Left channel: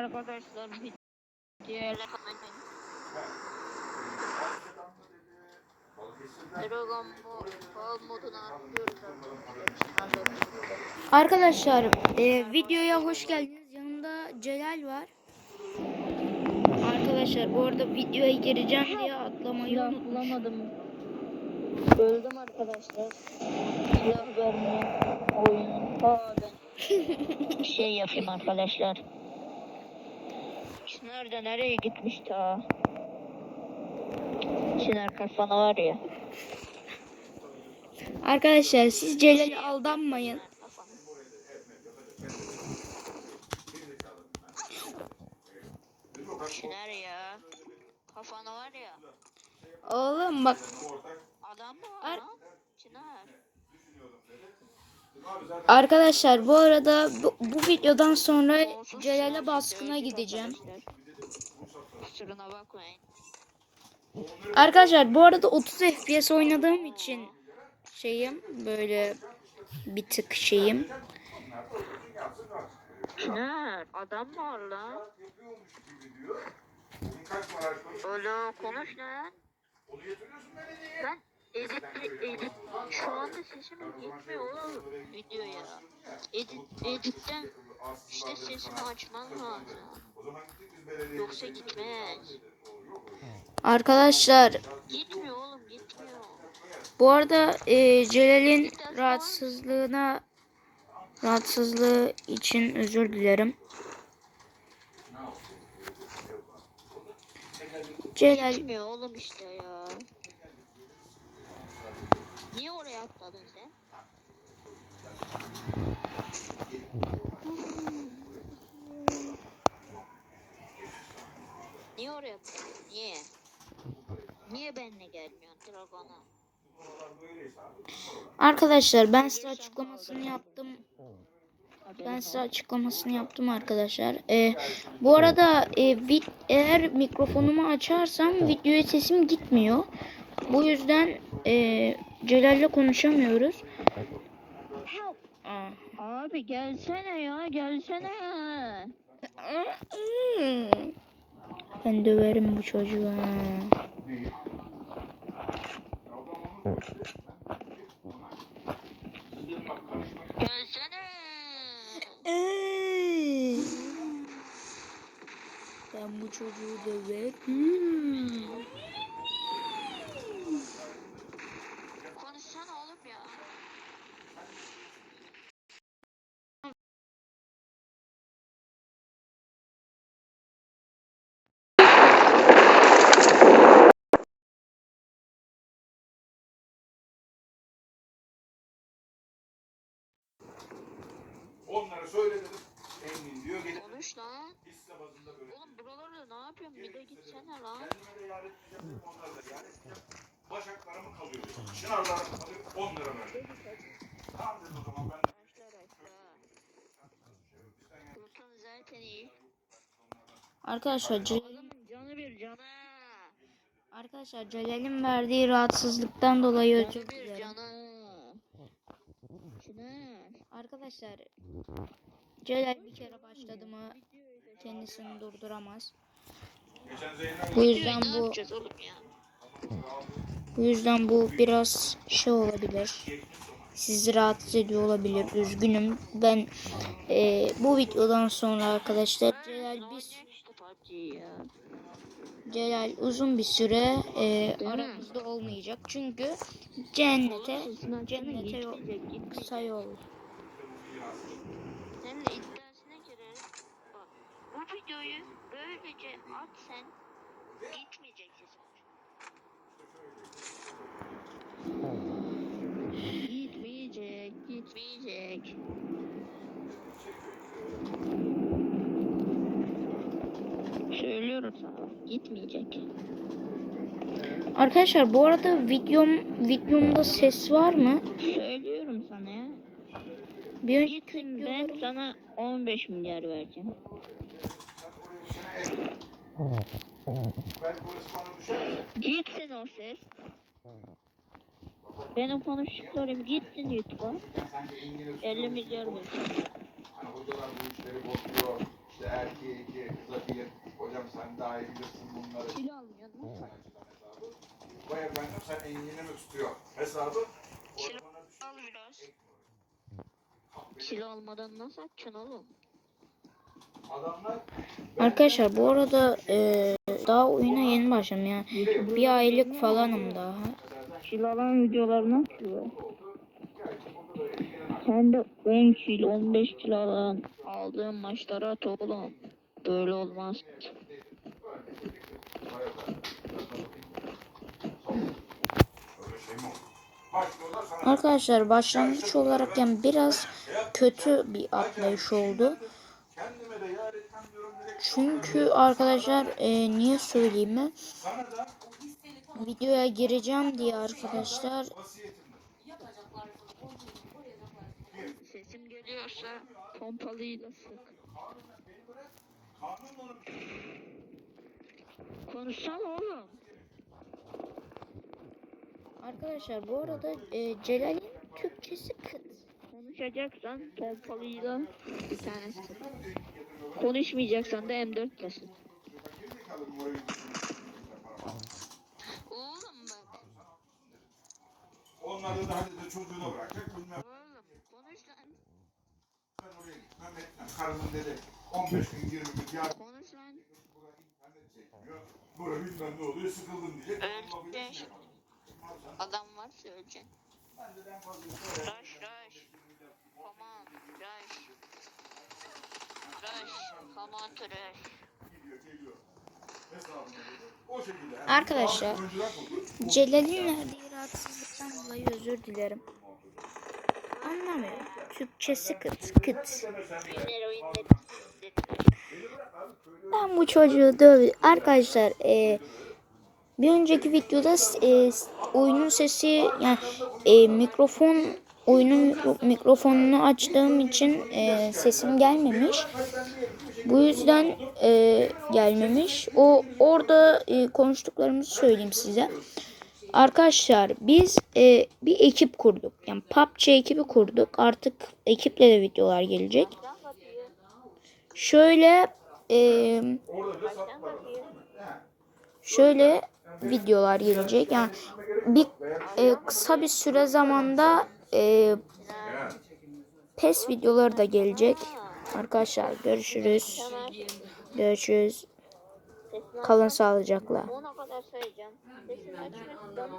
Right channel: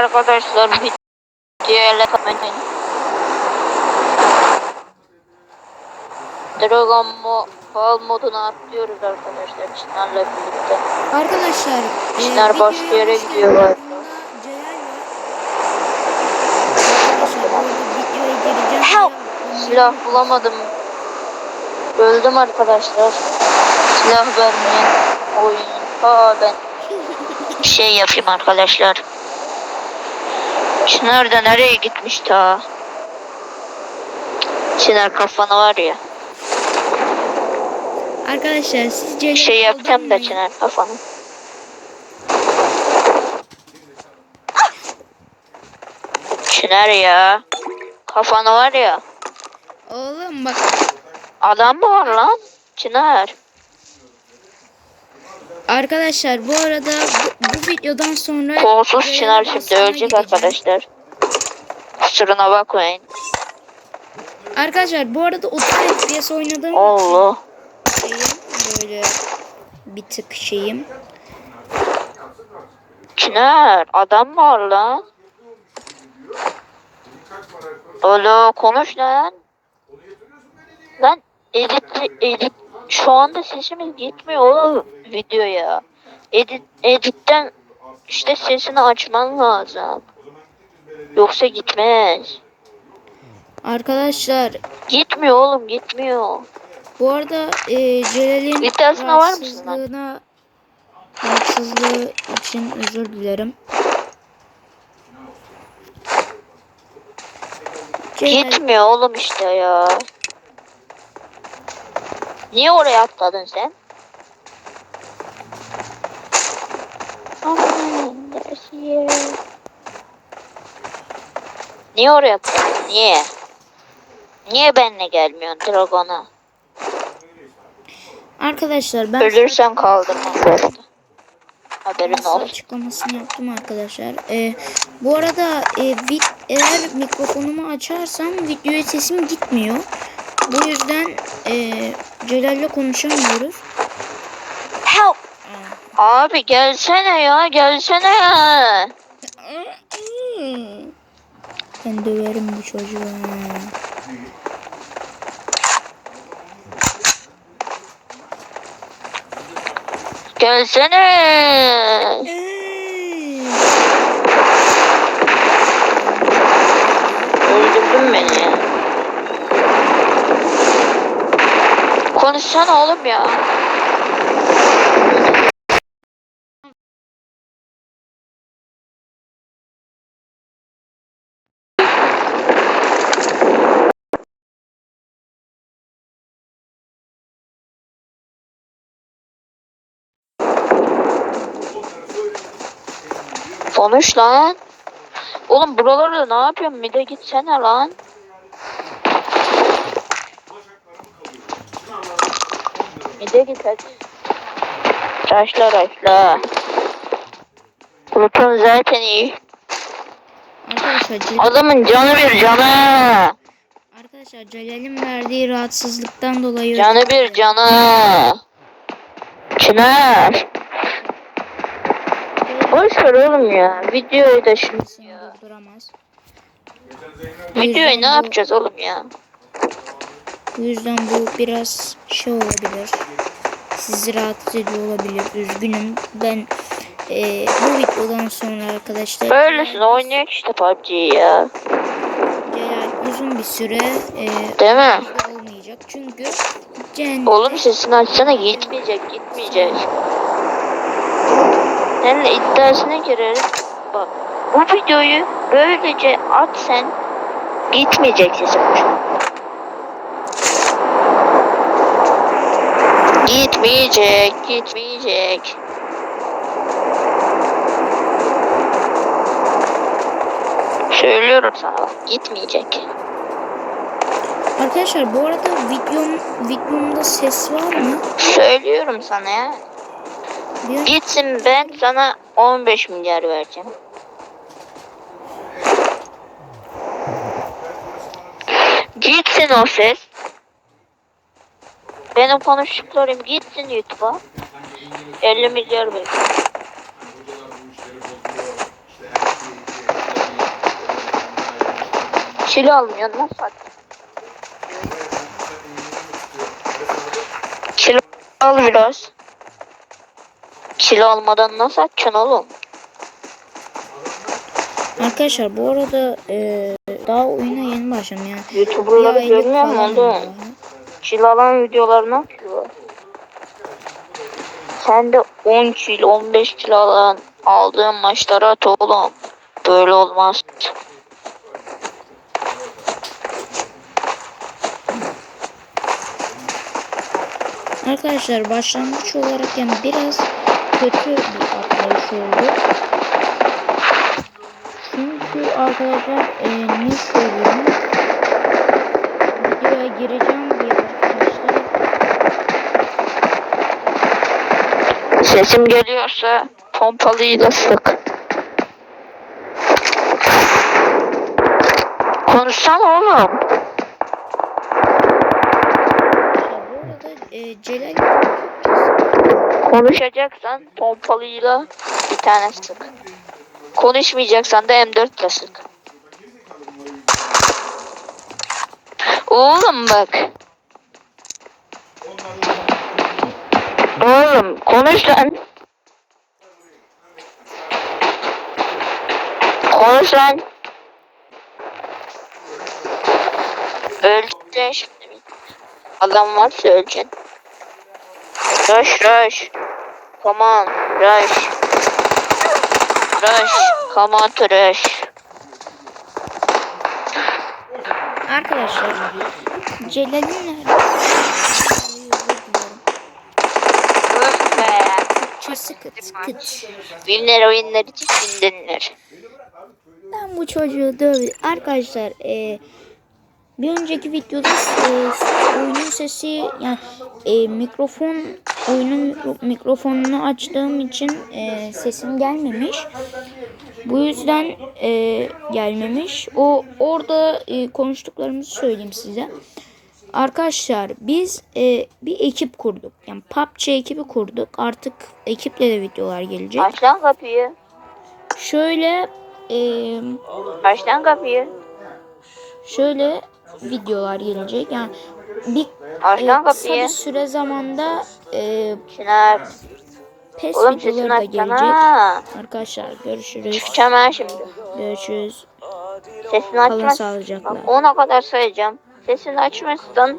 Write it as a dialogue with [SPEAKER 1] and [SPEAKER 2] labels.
[SPEAKER 1] Arkadaşlar videoya kapatmayın. Dragon Mo Ball moduna atlıyoruz arkadaşlar Çınar'la birlikte.
[SPEAKER 2] Arkadaşlar e,
[SPEAKER 1] Çınar
[SPEAKER 2] videoya
[SPEAKER 1] başka yere
[SPEAKER 2] hoş
[SPEAKER 1] gidiyor
[SPEAKER 2] geldiniz.
[SPEAKER 1] galiba.
[SPEAKER 2] Yanımda Celal var. Arkadaşlar bu arada videoya gireceğim.
[SPEAKER 1] Help! Silah bulamadım. Öldüm arkadaşlar. Silah vermeyen oyun. Ha ben bir şey yapayım arkadaşlar. Çınar da nereye gitmiş ta? Çınar kafana var ya.
[SPEAKER 2] Arkadaşlar siz
[SPEAKER 1] Bir şey yapacağım da. Çınar kafanı. Çınar ya. Kafanı var ya.
[SPEAKER 2] Oğlum bak
[SPEAKER 1] Adam mı var lan? Çınar.
[SPEAKER 2] Arkadaşlar bu arada bu, bu videodan sonra
[SPEAKER 1] Kolsuz Çınar şimdi ölecek arkadaşlar. Kusuruna bakmayın.
[SPEAKER 2] Arkadaşlar bu arada 30 FPS oynadığım
[SPEAKER 1] Allah.
[SPEAKER 2] için şeyim böyle bir tık şeyim.
[SPEAKER 1] Çınar adam var lan? Alo konuş lan. Lan edit edit şu anda sesimiz gitmiyor oğlum videoya. Edit editten işte sesini açman lazım. Yoksa gitmez.
[SPEAKER 2] Arkadaşlar
[SPEAKER 1] Gitmiyor oğlum gitmiyor.
[SPEAKER 2] bu arada e, Celal'in rahatsızlığına rahatsızlığı için özür dilerim. Celal
[SPEAKER 1] Gitmiyor oğlum işte ya. Niye oraya atladın sen? Niye oraya atladın? Niye? Niye benimle gelmiyorsun Dragon'a?
[SPEAKER 2] Arkadaşlar ben
[SPEAKER 1] Ölürsem. Haberin
[SPEAKER 2] Nasıl
[SPEAKER 1] olsun.
[SPEAKER 2] açıklamasını yaptım arkadaşlar. Ee, bu arada e, vid- eğer mikrofonumu açarsam videoya sesim gitmiyor. Bu yüzden e, Celal'le konuşamıyoruz.
[SPEAKER 1] Help! Abi gelsene ya gelsene.
[SPEAKER 2] Ben döverim bu çocuğu.
[SPEAKER 1] Gelsene. Öldürdün beni ya. Konuşsana oğlum ya. Konuş lan. Oğlum buralarda ne yapıyorsun? Bir de gitsene lan. De git hadi. Raşla raşla. Kurtun zaten iyi.
[SPEAKER 2] Arkadaşlar, Celal,
[SPEAKER 1] Adamın canı bir canı.
[SPEAKER 2] arkadaşlar Celal'in verdiği rahatsızlıktan dolayı
[SPEAKER 1] Canı bir canı. Çınar. Boş ver oğlum ya. Videoyu da şimdi.
[SPEAKER 2] durduramaz.
[SPEAKER 1] Videoyu ne
[SPEAKER 2] bu-
[SPEAKER 1] yapacağız oğlum ya?
[SPEAKER 2] Bu yüzden bu biraz şey olabilir. Sizi rahatsız ediyor olabilir. Üzgünüm. Ben eee, bu videodan sonra arkadaşlar
[SPEAKER 1] Böylesin
[SPEAKER 2] Celal,
[SPEAKER 1] oynayak işte PUBG'yi ya.
[SPEAKER 2] Celal uzun bir süre eee
[SPEAKER 1] Değil mi?
[SPEAKER 2] olmayacak. Çünkü cehennem
[SPEAKER 1] Oğlum sesini açsana gitmeyecek gitmeyecek. Seninle iddiasına girerim. Bak bu videoyu böylece at sen gitmeyecek sesin. Gitmeyecek, gitmeyecek. Söylüyorum sana bak, gitmeyecek.
[SPEAKER 2] Arkadaşlar bu arada videom videomda ses var mı?
[SPEAKER 1] Söylüyorum sana ya.
[SPEAKER 2] Bir
[SPEAKER 1] Gitsin ben sana 15 milyar vereceğim. Gitsin o ses. Benim konuştuklarım gitsin YouTube'a. 50 milyar ver. Kilo almıyorsun lan sen. Kilo al biraz. Kilo almadan nasıl atacaksın oğlum?
[SPEAKER 2] Arkadaşlar bu arada e, daha oyuna yeni başladım yani. Bir
[SPEAKER 1] YouTuber'ları
[SPEAKER 2] aylık
[SPEAKER 1] görmüyor musun
[SPEAKER 2] falan.
[SPEAKER 1] Kilo alan videolarını atıyor. Sen de 10 kilo 15 kilo alan aldığın maçlara at oğlum. Böyle olmaz.
[SPEAKER 2] Arkadaşlar başlangıç olarak yani biraz kötü bir atlayış oldu. Çünkü arkadaşlar e, ne söyleyeyim videoya gireceğim diye arkadaşlar
[SPEAKER 1] Sesim geliyorsa pompalıyla sık. Konuşsana oğlum.
[SPEAKER 2] Arkadaşlar bu arada e, Celal
[SPEAKER 1] Konuşacaksan pompalıyla bir tane sık. Konuşmayacaksan da M4 ile sık. Oğlum bak. Oğlum konuş lan. Konuş lan. Öleceksin şimdi. Adam varsa öleceksin. Rush rush. Come on rush. Rush. Come on to rush.
[SPEAKER 2] Arkadaşlar Celal'in. Türkçesi kıt kıt.
[SPEAKER 1] Winner oyunlar için.
[SPEAKER 2] Ben bu çocuğu döv. Arkadaşlar e, bir önceki videoda e, oyunun sesi yani e, mikrofon oyunun mikro- mikrofonunu açtığım için e, sesim gelmemiş. Bu yüzden e, gelmemiş. O orada e, konuştuklarımızı söyleyeyim size. Arkadaşlar biz e, bir ekip kurduk. Yani PUBG ekibi kurduk. Artık ekiple de videolar gelecek.
[SPEAKER 1] Aç lan kapıyı.
[SPEAKER 2] Şöyle e,
[SPEAKER 1] Aç lan kapıyı.
[SPEAKER 2] şöyle videolar gelecek. Yani bir
[SPEAKER 1] Aç
[SPEAKER 2] e, kısa bir süre zamanda e,
[SPEAKER 1] Çınar.
[SPEAKER 2] PES
[SPEAKER 1] Oğlum
[SPEAKER 2] videoları da gelecek.
[SPEAKER 1] açsana.
[SPEAKER 2] Arkadaşlar görüşürüz.
[SPEAKER 1] Çıkacağım ha şimdi.
[SPEAKER 2] Görüşürüz.
[SPEAKER 1] Sesini
[SPEAKER 2] Kalın
[SPEAKER 1] açmaz.
[SPEAKER 2] sağlıcakla.
[SPEAKER 1] Ona kadar sayacağım. Sesini açmazsan